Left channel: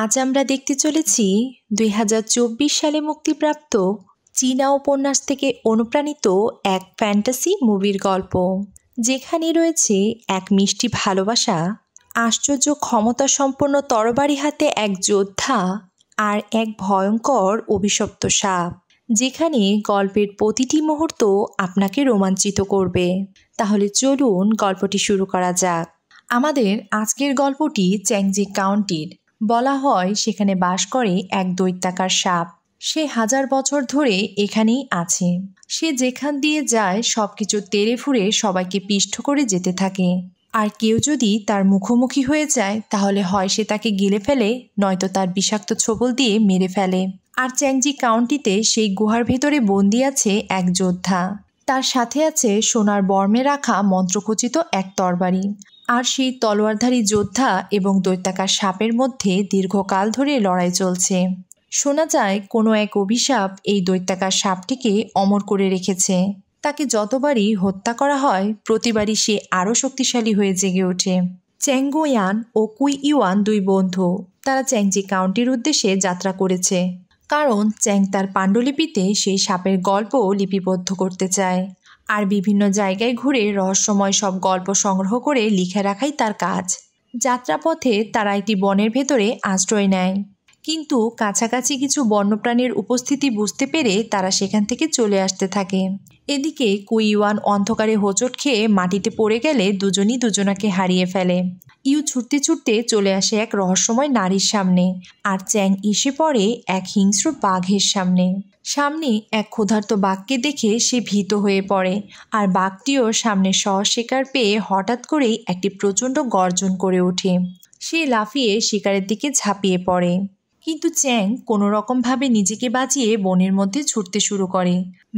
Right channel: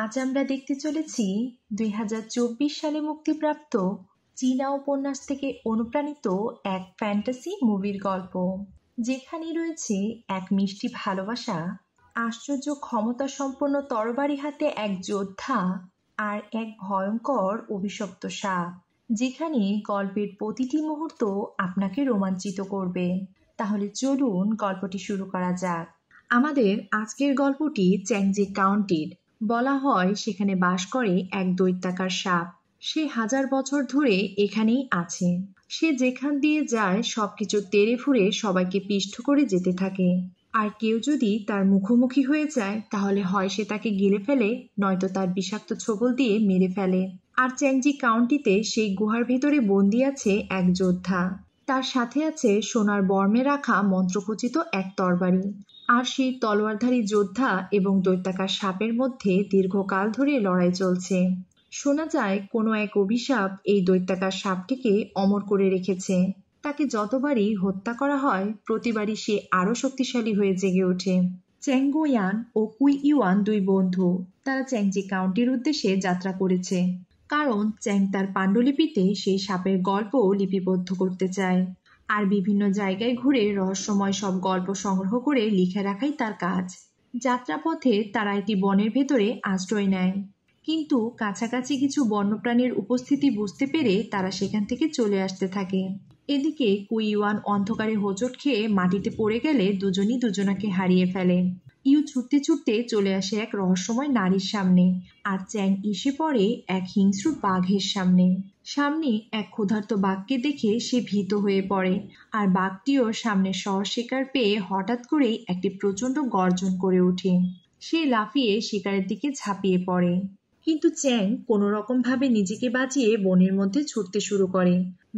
আজ আমরা দেখতে চলেছি ২০২৪ সালে মুক্তিপ্রাপ্ত চীনা উপন্যাস থেকে অনুপ্রাণিত এক ফ্যান্টাসি মুভির গল্প, যেখানে রয়েছে এক মিষ্টি ভালোবাসা, আশ্চর্য ক্ষমতাসম্পন্ন তরবারি হাতে এক যোদ্ধা আর এক ভয়ঙ্কর অভিশপ্ত সাপ, যেখানে গল্পের প্রতিটি মুহূর্ত আপনাকে রোমাঞ্চিত করবে। তাহলে চলুন গল্পটি শুরু করা যাক। আমাদের আজকের গল্পটি চ্যাংজি কাউন্টির। বলা হয় সেখানে বাস করে এক দৈত্যাকার সাপ। সে 1000 বছর ধরে এখানেই আছে। সে যেখান দিয়ে যায় সবকিছু তেড়ে ফুঁড়ে সবাইকে পিষ্ট করে যেতে থাকে। আর কেউ যদি তার মুখোমুখি হয়ে যায় তাহলে হয় সে তাকে গিলে ফেলে, নয়তো তার বিষাক্ত ছোবল দিয়ে মেরে ফেলে। আর চ্যাংজি কাউন্টিতে সেই গুহার ভেতরে বন্দি আছে এক যোদ্ধা। তার সাথে আছে সোনার বর্মে রাখা মন্ত্রখচিত এক তরবারি। আর সেই তলোয়ারধারী যোদ্ধা এবং দৈত্যাকার সাপের মধ্যে দীর্ঘকাল ধরে লড়াই চলছে। শোনা যায় কোনো এক অভিশাপ এই দৈত্যাকার সাপটিকে অমর করে রেখেছে। তাকে যতবারই হত্যা করা হয় প্রতিবারই সে আরও শক্তিশালী হয়ে জেগে ওঠে। চ্যাং গুয়ান ও কুই ইউয়ান দুই বন্ধু। তারা চ্যাংজি কাউন্টির উদ্দেশ্যে যাত্রা করেছে, কারণ চ্যাং তার পাণ্ডুলিপিতে সেই সাপের গল্প লিপিবদ্ধ করতে চায়। আর বিভিন্ন জায়গায় ঘুরে রহস্যময় সব গল্প সংগ্রহ করে লিখে রাখাই তার কাজ। যাত্রাপথে তারা একটি বনের ভেতরে আশ্রয় নেয়, কিন্তু কাছাকাছি কিছু বন্যপ্রাণীর উপস্থিতি বুঝতে পেরে তারা সেখান থেকে চলে আসতে থাকে। এদিকে কুইওয়ান অন্ধকারে হোঁচট খেয়ে মাটিতে পড়ে গেলে দুজনই দুজনাকে হারিয়ে ফেলে। ইউ ছুটতে ছুটতে চলে আসে এক রহস্যময় নারীর সামনে, আর চ্যাং এসে পড়ে এক হিংস্র বাঘের সামনে। এক ক্ষুধার্ত বাঘকে দেখে সে ভীত হয়ে পড়ে, আর বাঘটিও সামনে শিকার পেয়ে হঠাৎ করেই একটি প্রচণ্ড গর্জন করে ওঠে। সে লাফিয়ে শিকারের দিকে ঝাঁপিয়ে পড়ে, কিন্তু চ্যাং কোনো রকমভাবে নিজেকে বাঁচিয়ে বনের মধ্যে ছুটতে শুরু করে।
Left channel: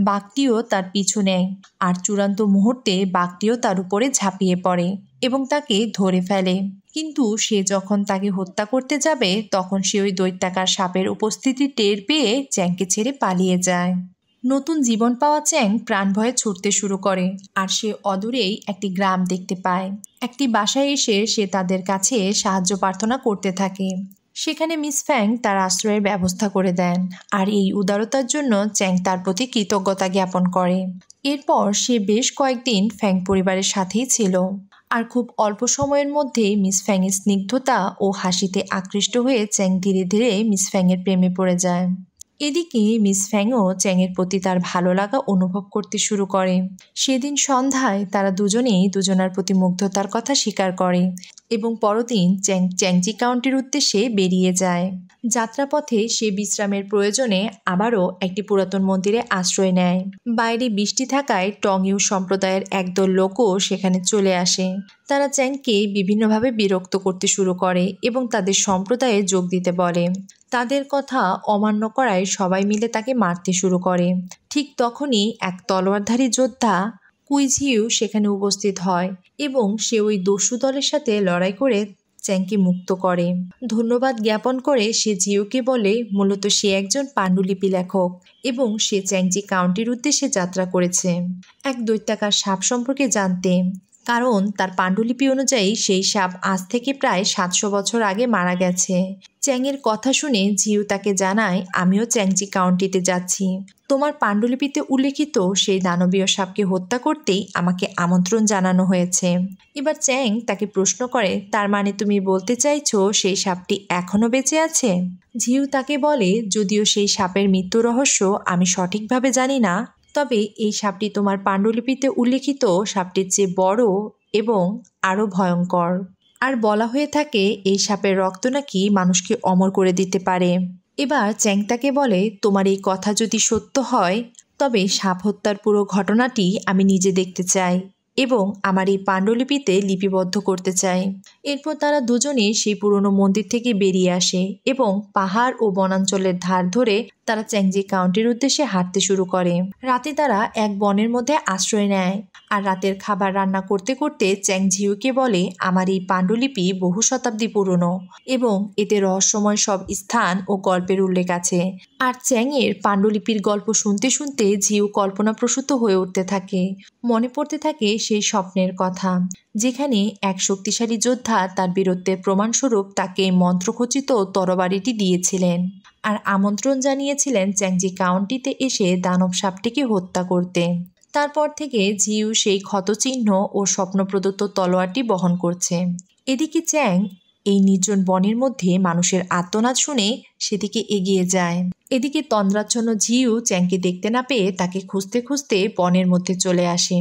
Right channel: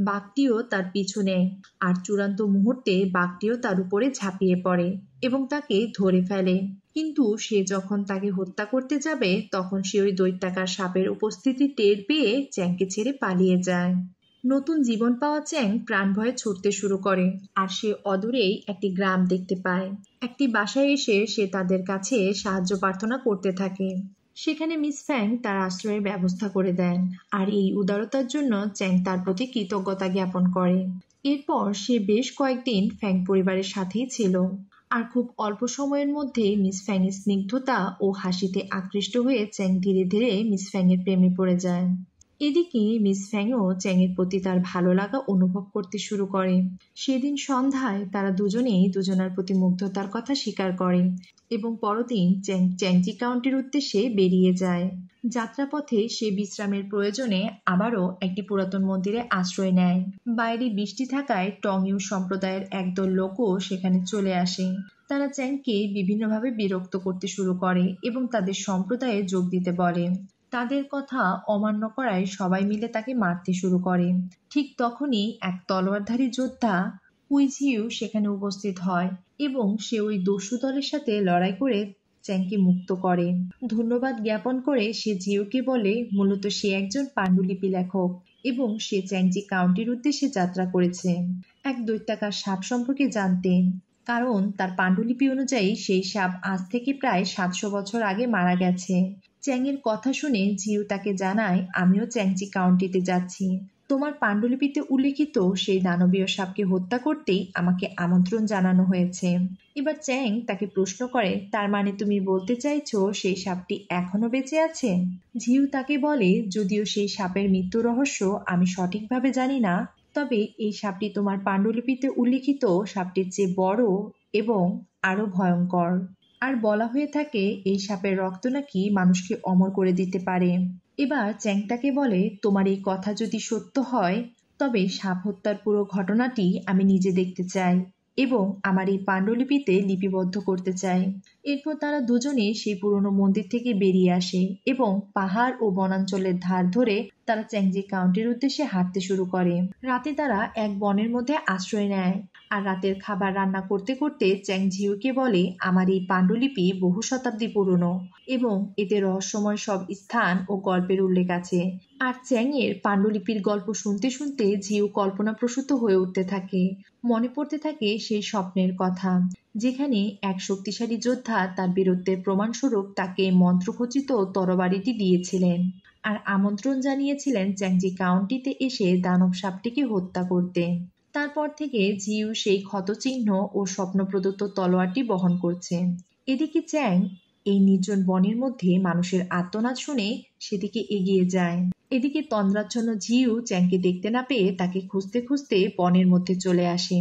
বাঘটিও তার পিছু নেয়, আর চূড়ান্ত মুহূর্তে বাঘটিও তার উপরে ঝাঁপিয়ে পড়ে এবং তাকে ধরে ফেলে। কিন্তু সে যখন তাকে হত্যা করতে যাবে তখন সে ওই দৈত্যাকার সাপের উপস্থিতি টের পেয়ে চ্যাংকে ছেড়ে পালিয়ে যায়। নতুন জীবন পাওয়া চ্যাং প্রাণ ভয়ে ছুটতে শুরু করে, আর সে অদূরেই একটি গ্রাম দেখতে পায়। একটি বাসায় এসে সে তাদের কাছে সাহায্য প্রার্থনা করতে থাকে। সেখানে মিস ফ্যাং তার আশ্রয়ের ব্যবস্থা করে দেন, আর এই উদারতার জন্য চ্যাং তার প্রতি কৃতজ্ঞতা জ্ঞাপন করে। এরপর সে বেশ কয়েকদিন ফ্যাং পরিবারের সাথেই ছিল, আর খুব অল্প সময়ের মধ্যেই মিস ফ্যাংয়ের স্নিগ্ধতা ও হাসিতে আকৃষ্ট হয়ে চ্যাং ধীরে ধীরে মিস ফ্যাংয়ের প্রেমে পড়ে যায়। এদিকে মিস ফ্যাংও চ্যাংয়ের প্রতি তার ভালো লাগা অনুভব করতে শুরু করে। সেদিন সন্ধ্যায় তারা দুজনেই দুজনার প্রতি মুগ্ধতার কথা স্বীকার করে এবং পরদিন চ্যাং চ্যাংজি কাউন্টির উদ্দেশ্যে বেরিয়ে যায়। যাত্রাপথে সে বিশ্রামের প্রয়োজনে আবারও একটি পুরাতন মন্দিরে আশ্রয় নেয়। বাইরে বৃষ্টি থাকায় টং ইউ সম্প্রদায়ের একদল লোকও সেখানে চলে আসে। তারা চ্যাংকে বিভিন্নভাবে বিরক্ত করতে শুরু করে এবং তাদের সম্প্রদায়ে যোগ দিতে বলে। তাদের কথা অমান্য করায় সবাই মিলে তাকে মারতে শুরু করে। ঠিক তখনই এক তলোয়ারধারী যোদ্ধা কুইঝিউ সেখানে উপস্থিত হয় এবং সে ওই দস্যু দলের সাথে লড়াই করে চ্যাংকে মুক্ত করে। ধন্যবাদ জ্ঞাপন করে সে জিউকে বলে মূলত সে একজন পাণ্ডুলিপি লেখক এবং সে চ্যাংজি কাউন্টির উদ্দেশ্যে যাত্রা করেছে এক দৈত্যাকার সাপ সম্পর্কে জানতে, কারণ তার পাণ্ডুলিপি অনুযায়ী সেই সাপ আজ থেকে প্রায় 700 বছর আগে মারা গেছে। চ্যাংয়ের কথা শুনে জিউ তাকে জানায়, আমিও চ্যাংজি কাউন্টিতে যাচ্ছি। তোমার পাণ্ডুলিপিতে উল্লেখিত সেই দানবীয় সাপকে হত্যা করতেই আমাকে আমন্ত্রণ জানানো হয়েছে। এবার চ্যাং তাকে প্রশ্ন করে, তার মানে তুমি বলতে চাইছো সেই সাপটি এখনও বেঁচে আছে? জিউ তাকে বলে, যদিও সেই সাপের মৃত্যু রহস্য আমি সঠিকভাবে জানি না, তবে এই সাপটি তোমার পাণ্ডুলিপিতে উল্লেখিত সাপটির চেয়ে বড় এবং আরও ভয়ঙ্কর। আর বলা হয়ে থাকে এই সাপের রক্ত নাকি মানুষকে অমর করে দিতে পারে। এবার চ্যাং তাকে বলে, তোমার এই কথা যদি সত্য হয় তবে সাপ হত্যার পুরো ঘটনাটি আমি নিজে দেখতে চাই এবং আমার এই পাণ্ডুলিপিতে লিপিবদ্ধ করতে চাই। এরপর তারা দুজনে সেই পুরনো মন্দির থেকে বেরিয়ে আসে এবং পাহাড় ও বনাঞ্চলের ধার ধরে তারা চ্যাংজি কাউন্টির উদ্দেশ্যে হাঁটতে শুরু করে। রাতে তারা এক বনের মধ্যে আশ্রয় নেয়, আর রাতের খাবার রান্না করতে করতে চ্যাং ঝিউকে বলে, আমার এই পাণ্ডুলিপি বহু শতাব্দী পুরনো এবং এতে রহস্যময় সব স্থান ও গল্পের উল্লেখ আছে। আর চ্যাংয়ের পাণ্ডুলিপির গল্প শুনতে শুনতে ঝিউ কল্পনাপ্রসূত হয়ে উঠতে থাকে। মনে পড়তে থাকে সেই স্বপ্নের কথা, যেখানে এক শক্তিশালী যোদ্ধা তার বীরত্বের প্রমাণস্বরূপ তাকে মন্ত্রখচিত তরবারিটি দিয়েছিলেন আর আমন্ত্রণ জানিয়েছিলেন চ্যাংজি কাউন্টিতে এসে দানব সাপটিকে হত্যা করতে। তারপর থেকে জিউ সেই ক্ষতচিহ্ন ও স্বপ্নপ্রদত্ত তলোয়ারটি বহন করছে। এদিকে চ্যাং এই নির্জন বনের মধ্যে মানুষের আর্তনাদ শুনে সেদিকে এগিয়ে যায়। এদিকে তন্দ্রাচ্ছন্ন ঝিউ চ্যাংকে দেখতে না পেয়ে তাকে খুঁজতে খুঁজতে বনের মধ্যে চলে আসে,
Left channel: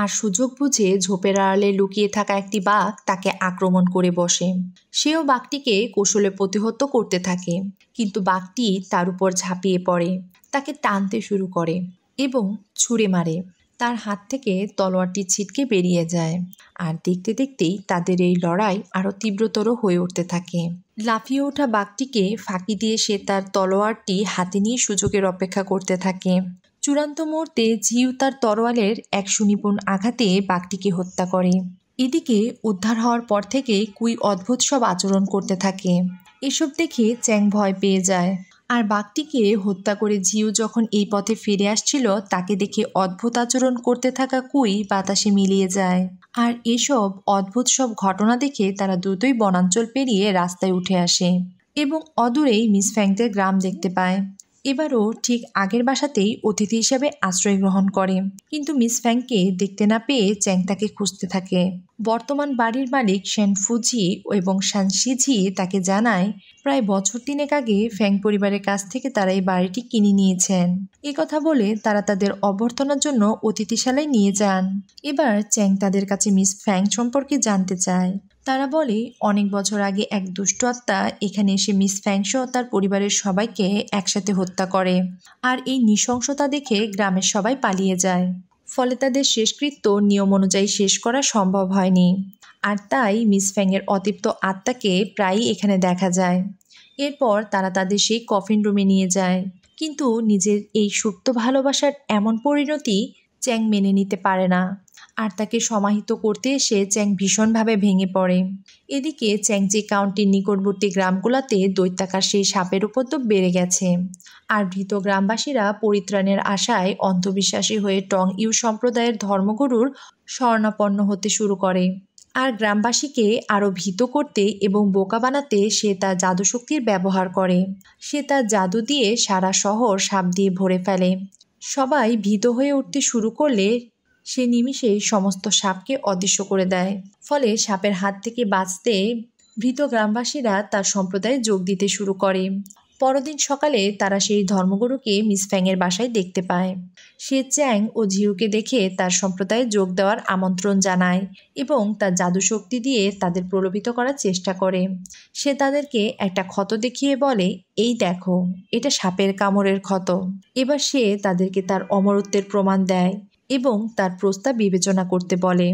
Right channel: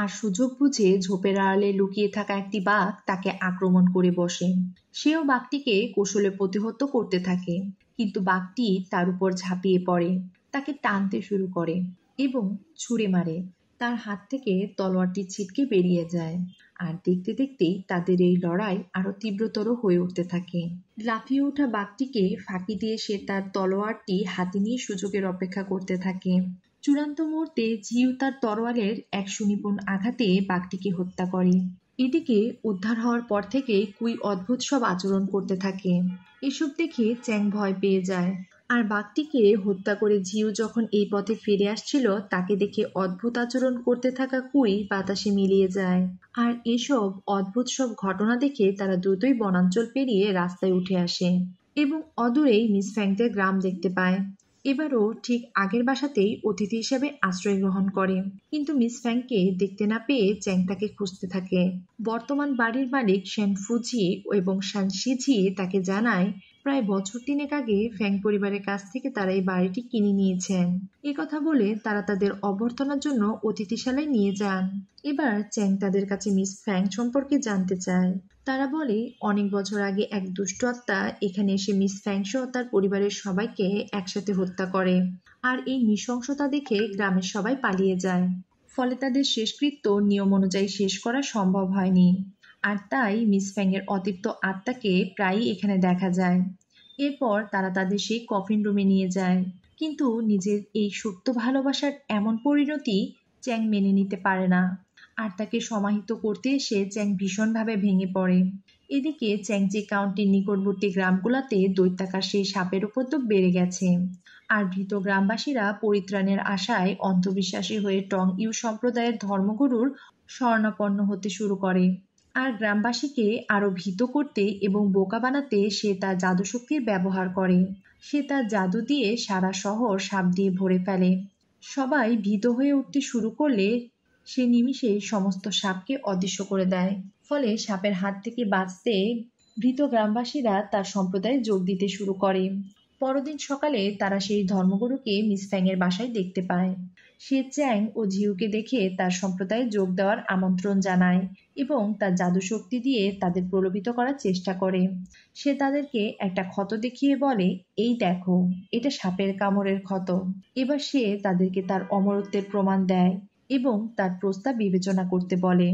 আর সুযোগ বুঝে ঝোপের আড়ালে লুকিয়ে থাকা একটি বাঘ তাকে আক্রমণ করে বসে। সেও বাঘটিকে কৌশলে প্রতিহত করতে থাকে, কিন্তু বাঘটি তার উপর ঝাঁপিয়ে পড়ে, তাকে টানতে শুরু করে এবং ছুঁড়ে মারে। তার হাত থেকে তলোয়ারটি ছিটকে বেরিয়ে যায়, আর দেখতে দেখতেই তাদের এই লড়াই আরও তীব্রতর হয়ে উঠতে থাকে। লাফিয়ে ওঠা বাঘটিকে ফাঁকি দিয়ে সে তার তলোয়ারটি হাতে নিয়ে সুযোগের অপেক্ষা করতে থাকে। চূড়ান্ত মুহূর্তে ঝিউ তার তরোয়ালের এক সুনিপুণ আঘাতে বাঘটিকে হত্যা করে। এদিকে উদ্ধার হওয়ার পর থেকে কুই অদ্ভুত সব আচরণ করতে থাকে। এসব দেখে চ্যাং ভয় পেয়ে যায়, আর বাঘটিকে হত্যা করে ঝিউ যখন এই পথে ফিরে আসছিল তাকে দেখে অদ্ভুত আচরণ করতে থাকা কুই বাতাসে মিলিয়ে যায়। আর এসব অদ্ভুত সব ঘটনা দেখে তারা দ্রুতই বনাঞ্চল পেরিয়ে রাস্তায় উঠে আসে এবং অদূরেই মিস ফ্যাংদের গ্রাম দেখতে পায়। এবারও ঠিক আগের বাসাতেই অতিথি হিসাবে আশ্রয় গ্রহণ করে, কিন্তু মিস ফ্যাংকে দেখতে না পেয়ে চ্যাং তাকে খুঁজতে থাকে। বর্তমান বাড়ির মালিক শ্যান ফুজি এবং শান শিঝি তাকে জানায় প্রায় বছর 3 আগে ফ্যাং পরিবারের কাছ থেকে তারা এই বাড়িটি কিনে নিয়েছেন। এ কথা বলে তারা তাদের অভ্যর্থনার জন্য অতিথিশালায় নিয়ে যান। এবার চ্যাং তাদের কাছে মিস ফ্যাং সম্পর্কে জানতে চায়। তারা বলে অনেক বছর আগে এক দুষ্ট আত্মা এখানে এসে মিস ফ্যাং সহ তার পরিবারের সবাইকে একসাথে হত্যা করে, আর এই নৃশংসতা দেখে গ্রামের সবাই পালিয়ে যায়। ফলে তাদের শেষকৃত্য নিয়ম অনুযায়ী শেষ করা সম্ভব হয়নি, আর তাই মিস ফ্যাংয়ের অতৃপ্ত আত্মাকে প্রায়ই এখানে দেখা যায়। এরপর তারা তাদের সেই কফিন রুমে নিয়ে যায়, কিন্তু নিজের এই সুপ্ত ভালোবাসার এমন পরিণতি চ্যাং মেনে নিতে পারে না, আর তাকে সমাহিত করতে এসে চ্যাং ভীষণভাবে ভেঙে পড়ে। এদিকে চ্যাংজি কাউন্টির নিকটবর্তী গ্রামগুলোতে দৈত্যাকার সেই সাপের উপদ্রব বেড়ে গেছে, আর ভীত গ্রামবাসীরা পরিত্রাণের আশায় অন্ধবিশ্বাসী হয়ে টং ইউ সম্প্রদায়ের ধর্মগুরুর শরণাপন্ন হতে শুরু করে। আর গ্রামবাসীকে আরও ভীত করতে এবং বোকা বানাতে সে তার জাদুশক্তির ব্যবহার করে। সে তার জাদু দিয়ে সারা শহর সাপ দিয়ে ভরে ফেলে। সবাই ভীত হয়ে উঠতে শুরু করলে সে নিমিষে সমস্ত সাপকে অদৃশ্য করে দেয়। ফলে সাপের হাত থেকে বাঁচতে ভীত গ্রামবাসীরা তার সম্প্রদায়ে যোগ দিতে শুরু করে। পরদিন সকালে তারা সেই ধর্মগুরুকে মিস ফ্যাংয়ের বাসায় দেখতে পায়। সে চ্যাং ও ঝিউকে দেখে তার সম্প্রদায়ে যোগ দেওয়ার আমন্ত্রণ জানায় এবং তার জাদুশক্তি দিয়ে তাদের প্রলোভিত করার চেষ্টা করে। সে তাদেরকে একটা ক্ষত দেখিয়ে বলে, এই দেখো, এটা সাপের কামড়ের ক্ষত। এবার সে তাদেরকে তার অমরত্বের প্রমাণ দেয় এবং তার প্রস্তাব বিবেচনা করতে বলে।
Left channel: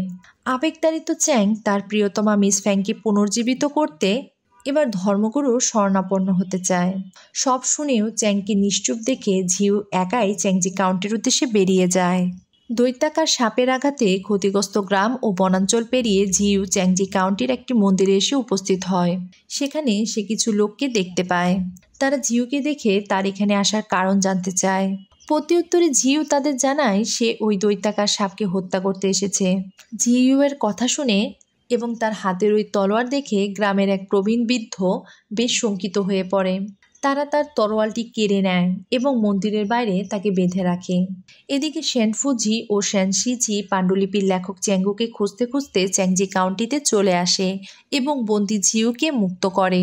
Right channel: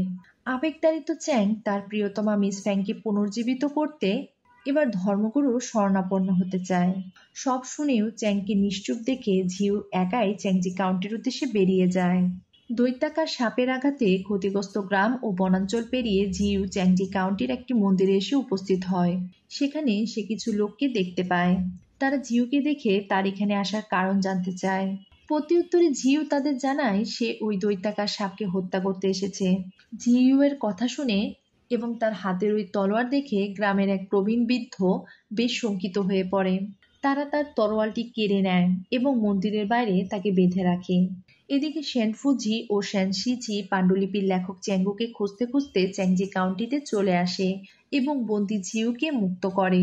আবেগতাড়িত চ্যাং তার প্রিয়তমা মিস ফ্যাংকে পুনর্জীবিত করতে এবার ধর্মগুরুর শরণাপন্ন হতে চায়। সব শুনেও চ্যাংকে নিশ্চুপ দেখে ঝিউ একাই চ্যাংজি কাউন্টির উদ্দেশ্যে বেরিয়ে যায়। দৈত্যাকার সাপের আঘাতে ক্ষতিগ্রস্ত গ্রাম ও বনাঞ্চল পেরিয়ে ঝিউ চ্যাংজি কাউন্টির একটি মন্দিরে এসে উপস্থিত হয়। সেখানে সে কিছু লোককে দেখতে পায়। তারা ঝিউকে দেখে তার এখানে আসার কারণ জানতে চায়। প্রত্যুত্তরে ঝিউ তাদের জানায় সে ওই দৈত্যাকার সাপকে হত্যা করতে এসেছে। ঝিউয়ের কথা শুনে এবং তার হাতের ওই তলোয়ার দেখে গ্রামের এক প্রবীণ বৃদ্ধ বেশ শঙ্কিত হয়ে পড়ে। তারা তার তরোয়ালটি কেড়ে নেয় এবং মন্দিরের বাইরে তাকে বেঁধে রাখে। এদিকে শ্যান ফুজি ও শ্যান শিজি পাণ্ডুলিপির লেখক চ্যাঙ্গুকে খুঁজতে খুঁজতে চ্যাংজি কাউন্টিতে চলে আসে এবং বন্দি ঝিউকে মুক্ত করে।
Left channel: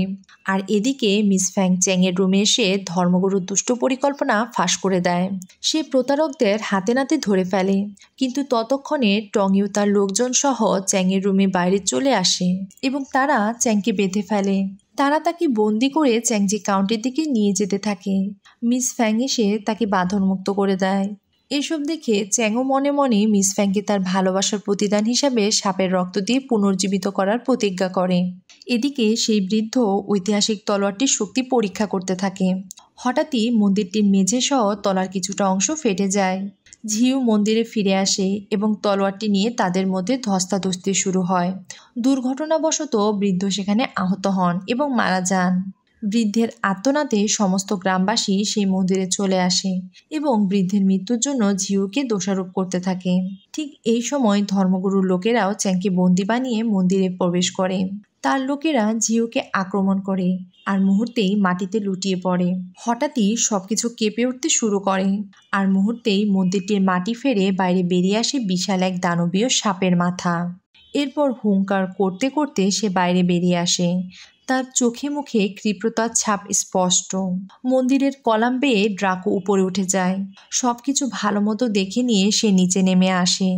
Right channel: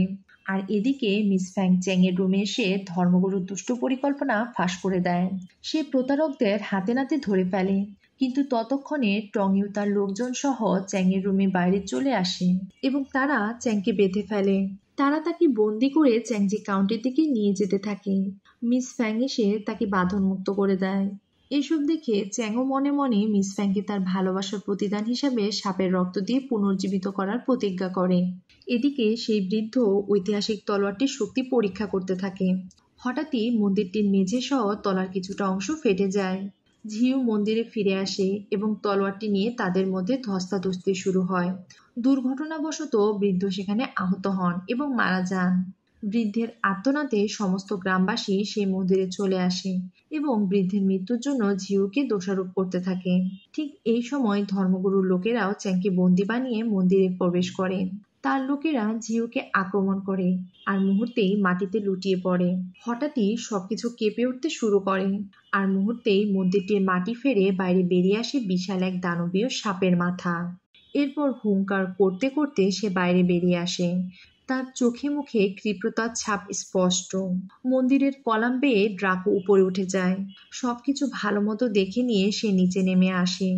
আর এদিকে মিস ফ্যাং চ্যাংয়ের রুমে এসে ধর্মগুরুর দুষ্ট পরিকল্পনা ফাঁস করে দেয়। সে প্রতারকদের হাতে নাতে ধরে ফেলে, কিন্তু ততক্ষণে টং ইউ তার লোকজন সহ চ্যাংয়ের রুমে বাইরে চলে আসে এবং তারা চ্যাংকে বেঁধে ফেলে। তারা তাকে বন্দি করে চ্যাংজি কাউন্টির দিকে নিয়ে যেতে থাকে। মিস ফ্যাং এসে তাকে বাঁধনমুক্ত করে দেয়। এসব দেখে চ্যাংও মনে মনে মিস ফ্যাংকে তার ভালোবাসার প্রতিদান হিসাবে সাপের রক্ত দিয়ে পুনর্জীবিত করার প্রতিজ্ঞা করে। এদিকে সেই বৃদ্ধ ঐতিহাসিক তলোয়ারটির শক্তি পরীক্ষা করতে থাকে। হঠাৎই মন্দিরটির মেঝে সহ তলার কিছুটা অংশ ফেটে যায়। ঝিউ মন্দিরে ফিরে আসে এবং তলোয়ারটি নিয়ে তাদের মধ্যে ধস্তাধস্তি শুরু হয়। দুর্ঘটনাবশত বৃদ্ধ সেখানে আহত হন এবং মারা যান। বৃদ্ধের আর্তনাদে সমস্ত গ্রামবাসী সেই মন্দিরে চলে আসে এবং বৃদ্ধের মৃত্যুর জন্য ঝিউকে দোষারোপ করতে থাকে। ঠিক এই সময় ধর্মগুরুর লোকেরাও চ্যাংকে বন্দি বানিয়ে মন্দিরে প্রবেশ করে। তার লোকেরা ঝিউকে আক্রমণ করে আর মুহূর্তেই মাটিতে লুটিয়ে পড়ে। হঠাৎই সবকিছু কেঁপে উঠতে শুরু করে আর মুহূর্তেই মন্দিরটির মাটি ফেরে বাইরে বেরিয়ে আসে বিশাল এক দানবীয় সাপের মাথা। এরপর হুঙ্কার করতে করতে সে বাইরে বেরিয়ে আসে। তার চোখে মুখে ক্ষিপ্রতার ছাপ স্পষ্ট। মন্দিরের কলাম বেয়ে ড্রাকো উপরে উঠে যায়। সবকিছু ভালো মতো দেখে নিয়ে সে নিচে নেমে আসে।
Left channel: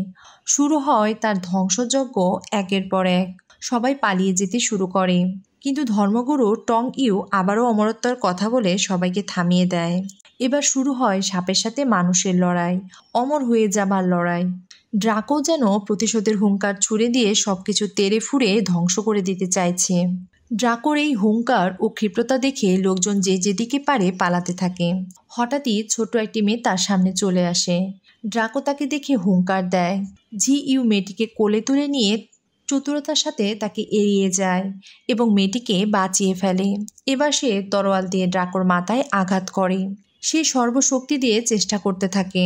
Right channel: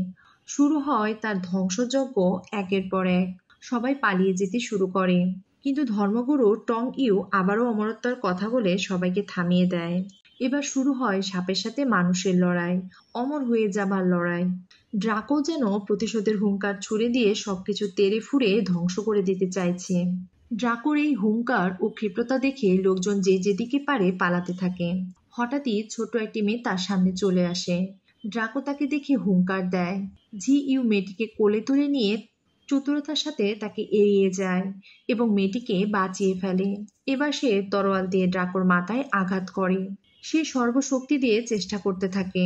শুরু হয় তার ধ্বংসযজ্ঞ। একের পর এক সবাই পালিয়ে যেতে শুরু করে, কিন্তু ধর্মগুরু টং ইউ আবারও অমরত্বের কথা বলে সবাইকে থামিয়ে দেয়। এবার শুরু হয় সাপের সাথে মানুষের লড়াই, অমর হয়ে যাবার লড়াই। ড্রাকো যেন প্রতিশোধের হুঙ্কার ছুড়ে দিয়ে সবকিছু তেড়ে ফুঁড়ে ধ্বংস করে দিতে চাইছে। ড্রাকোর এই হুঙ্কার ও ক্ষিপ্রতা দেখে লোকজন যে যেদিকে পারে পালাতে থাকে। হঠাৎই ছোট একটি মেয়ে তার সামনে চলে আসে। ড্রাকো তাকে দেখে হুঙ্কার দেয়। ঝি ইউ মেয়েটিকে কোলে তুলে নিয়ে চতুরতার সাথে তাকে এড়িয়ে যায় এবং মেয়েটিকে বাঁচিয়ে ফেলে। এবার সে তরোয়াল দিয়ে ড্রাকোর মাথায় আঘাত করে। সে সর্বশক্তি দিয়ে চেষ্টা করতে থাকে।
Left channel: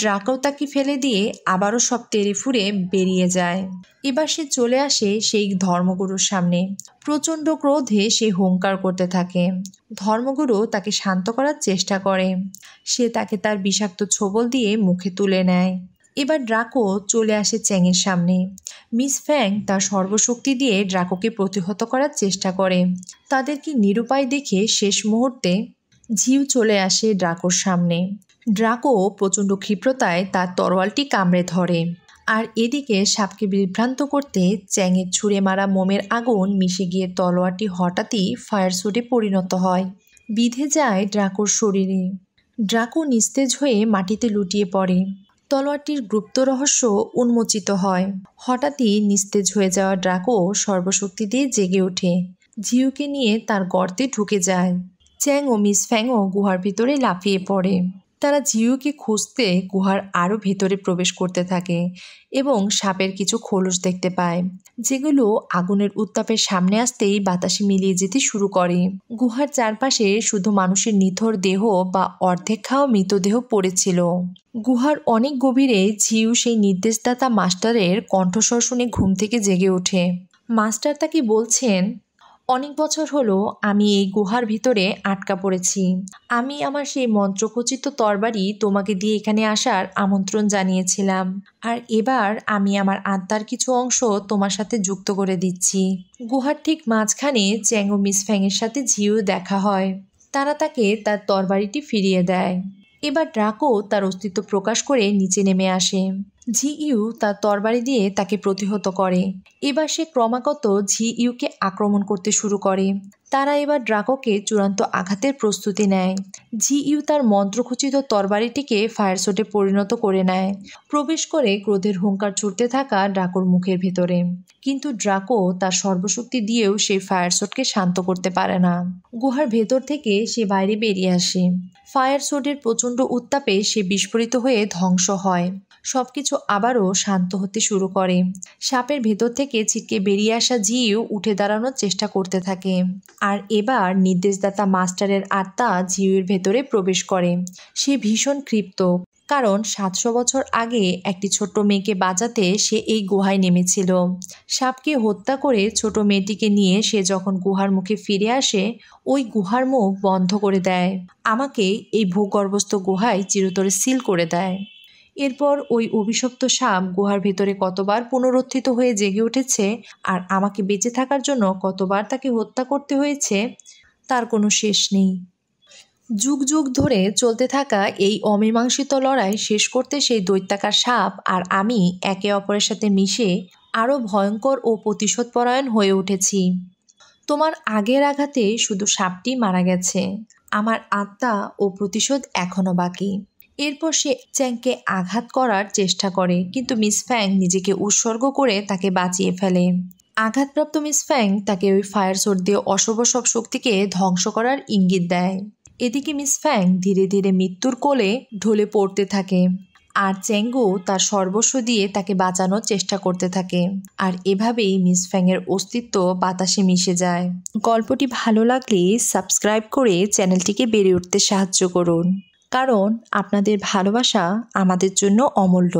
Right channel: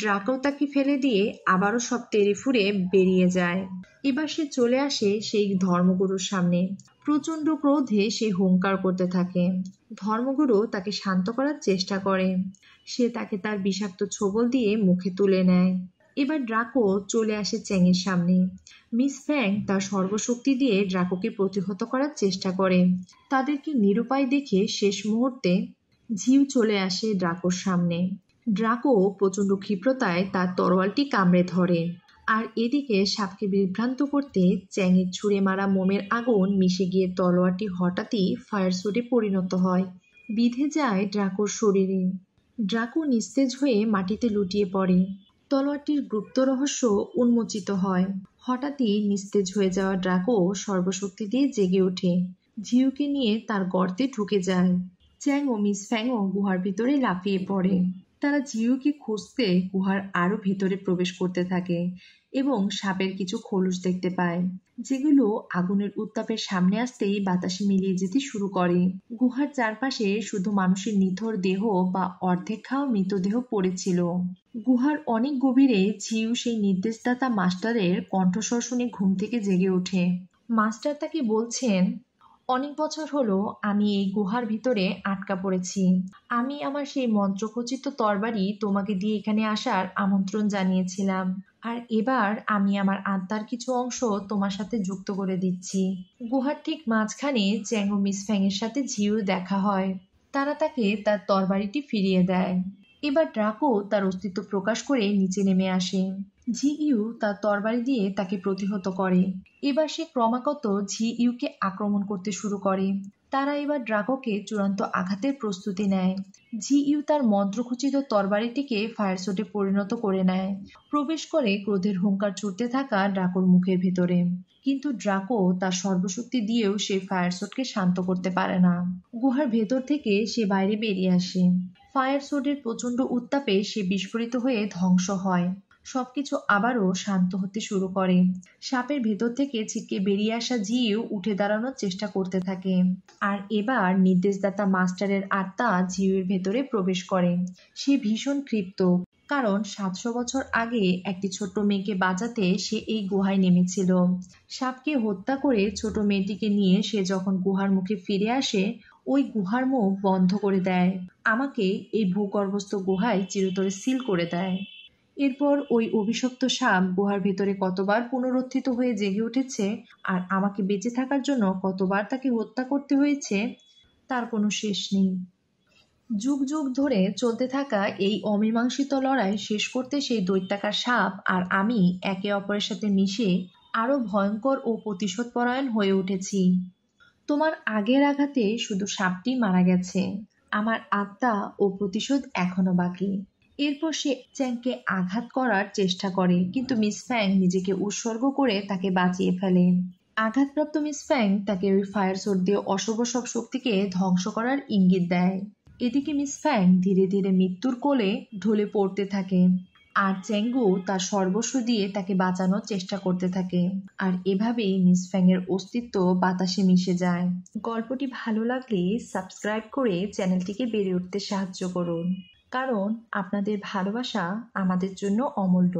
ড্রাকো তাকে ফেলে দিয়ে আবারও সব তেড়ে ফুঁড়ে বেরিয়ে যায়। এবার সে চলে আসে সেই ধর্মগুরুর সামনে। প্রচণ্ড ক্রোধে সে হুঙ্কার করতে থাকে। ধর্মগুরু তাকে শান্ত করার চেষ্টা করে। সে তাকে তার বিষাক্ত ছোবল দিয়ে মুখে তুলে নেয়। এবার ড্রাকো চলে আসে চ্যাংয়ের সামনে। মিস ফ্যাং তার সর্বশক্তি দিয়ে ড্রাকোকে প্রতিহত করার চেষ্টা করে। তাদেরকে নিরুপায় দেখে শেষ মুহূর্তে ঝিউ চলে আসে ড্রাকোর সামনে। ড্রাকো প্রচণ্ড ক্ষিপ্রতায় তার তরোয়ালটি কামড়ে ধরে। আর এদিকে সাপকে বিভ্রান্ত করতে চ্যাংয়ের ছুঁড়ে মারা মোমের আগুন মিশে গিয়ে তলোয়ারটি হঠাৎই ফায়ার স্যুটে পরিণত হয়, বিঁধে যায় ড্রাকোর শরীরে। ড্রাকো নিস্তেজ হয়ে মাটিতে লুটিয়ে পড়ে। তলোয়ারটির গুপ্ত রহস্য উন্মোচিত হয়। হঠাৎই নিস্তেজ হয়ে যাওয়া ড্রাকো সর্বশক্তি দিয়ে জেগে ওঠে। ঝিউকে নিয়ে তার গর্তে ঢুকে যায়। চ্যাং ও মিস ফ্যাংও গুহার ভিতরে লাফিয়ে পড়ে। তারা ঝিউকে খুঁজতে গুহার আরও ভেতরে প্রবেশ করতে থাকে এবং সাপের কিছু খোলস দেখতে পায়, যেগুলো আগুনের উত্তাপের সামনে আসতেই বাতাসে মিলিয়ে যেতে শুরু করে। গুহার চারপাশে শুধু মানুষের নিথর দেহ বা অর্ধেক খাওয়া মৃতদেহ পড়েছিল। গুহার অনেক গভীরে ঝিউ সেই নির্দেশদাতা মাস্টারের কণ্ঠস্বর শুনে ঘুম থেকে জেগে ওঠে। মাস্টার তাকে বলছেন, অনেক বছর হলো আমি এই গুহার ভিতরে আটকা পড়েছি। আমি আমার সেই মন্ত্রখচিত তরবারি তোমাকে দিয়ে এখানে আসার আমন্ত্রণ জানিয়েছিলাম, আর এবার আমি আমার আত্মার কিছু অংশ তোমার সাথে যুক্ত করে দিচ্ছি। গুহার ঠিক মাঝখানে চ্যাং ও মিস ফ্যাংয়ের সাথে ঝিউ দেখা হয়। তারা তাকে তার তরবারিটি ফিরিয়ে দেয়। এবার ড্রাকো তার অস্তিত্ব প্রকাশ করে নিচে নেমে আসে। ঝি ইউ তার তরবারি দিয়ে তাকে প্রতিহত করে। এবার সে ক্রমাগত ঝি ইউকে আক্রমণ করতে শুরু করে। তারা এবার ড্রাকোকে চূড়ান্ত আঘাতের প্রস্তুতি নেয়। ঝি ইউ তার মন্ত্রখচিত তরবারিটিকে ফায়ার শটে পরিণত করে নেয়, প্রবেশ করে ক্রোধের হুঙ্কার ছুটতে থাকা ড্রাকোর মুখের ভেতরে। কিন্তু ড্রাকো তার সর্বশক্তি দিয়েও সেই ফায়ার শটকে শান্ত করতে পারে না। গুহার ভেতর থেকে সে বাইরে বেরিয়ে আসে। ফায়ার শটের প্রচণ্ড উত্তাপে সে বিস্ফোরিত হয়ে ধ্বংস হয়। সবকিছু আবারও শান্ত হতে শুরু করে। সাপের ভেতর থেকে ছিটকে বেরিয়ে আসা ঝিউ উঠে দাঁড়ানোর চেষ্টা করতে থাকে। আর এবার নির্দেশদাতা মাস্টারের আত্মা ঝিউয়ের ভেতরে প্রবেশ করে। সে ভীষণ ক্ষিপ্ত, কারণ 700 বছর আগে একটি ছোট্ট মেয়েকে বাঁচাতে সে এই গুহায় নেমেছিল। সাপকে হত্যা করে ছোট মেয়েটিকে নিয়ে সে যখন গুহার মুখে ফিরে আসে, ওই গুহার মুখ বন্ধ করে দেয়। আমাকে এই ভূগর্ভস্থ গুহায় চিরতরে সিল করে দেয়। এরপর ওই অভিশপ্ত সাপ গুহার ভেতরে কতবার পুনরুত্থিত হয়ে জেগে উঠেছে আর আমাকে বেঁচে থাকার জন্য কতবার তাকে হত্যা করতে হয়েছে তার কোনো শেষ নেই। যুগ যুগ ধরে চলতে থাকা এই অমীমাংসিত লড়াই শেষ করতে সেই দৈত্যাকার সাপ আর আমি একে অপরের সাথে মিশে আরও ভয়ঙ্কর ও প্রতিশোধপরায়ণ হয়ে উঠেছি। তোমার আগের আঘাতে শুধু সাপটি মারা গেছে, আমার আত্মা ও প্রতিশোধ এখনও বাকি। এরপর সে চ্যাংকে আঘাত করার চেষ্টা করে, কিন্তু মিস ফ্যাং নিজেকে উৎসর্গ করে তাকে বাঁচিয়ে ফেলে। আঘাতপ্রাপ্ত মিস ফ্যাং তাকে ওই ফায়ার শট দিয়ে অশুভ সব শক্তিকে ধ্বংস করার ইঙ্গিত দেয়। এদিকে মিস ফ্যাং ধীরে ধীরে মৃত্যুর কোলে ঢলে পড়তে থাকে। আর চেঙ্গু তার সর্বস্ব দিয়ে তাকে বাঁচানোর চেষ্টা করতে থাকে। আর এভাবেই মিস ফ্যাংয়ের অস্তিত্ব বাতাসে মিশে যায়। গল্পটি ভালো লাগলে সাবস্ক্রাইব করে চ্যানেলটিকে বেড়ে উঠতে সাহায্য করুন, কারণ আপনাদের ভালোবাসা আমাদের জন্য অমূল্য।